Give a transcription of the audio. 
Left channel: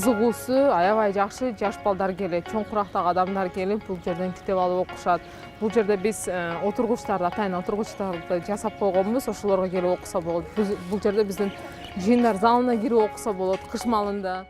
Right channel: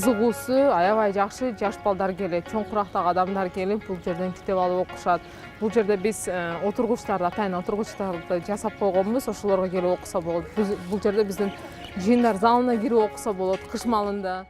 кызыгуусу аябай жакшы. Жаш балдар келет, чоң курактагы адамдар келип бул жерден китеп алып окушат. Бул жерде биз отургучтарды, атайын отургучтарды жасап койгонбуз. Ошолорго келип окуса болот. Бул жерде биздин жыйындар залына кирип окуса болот кыш маалында.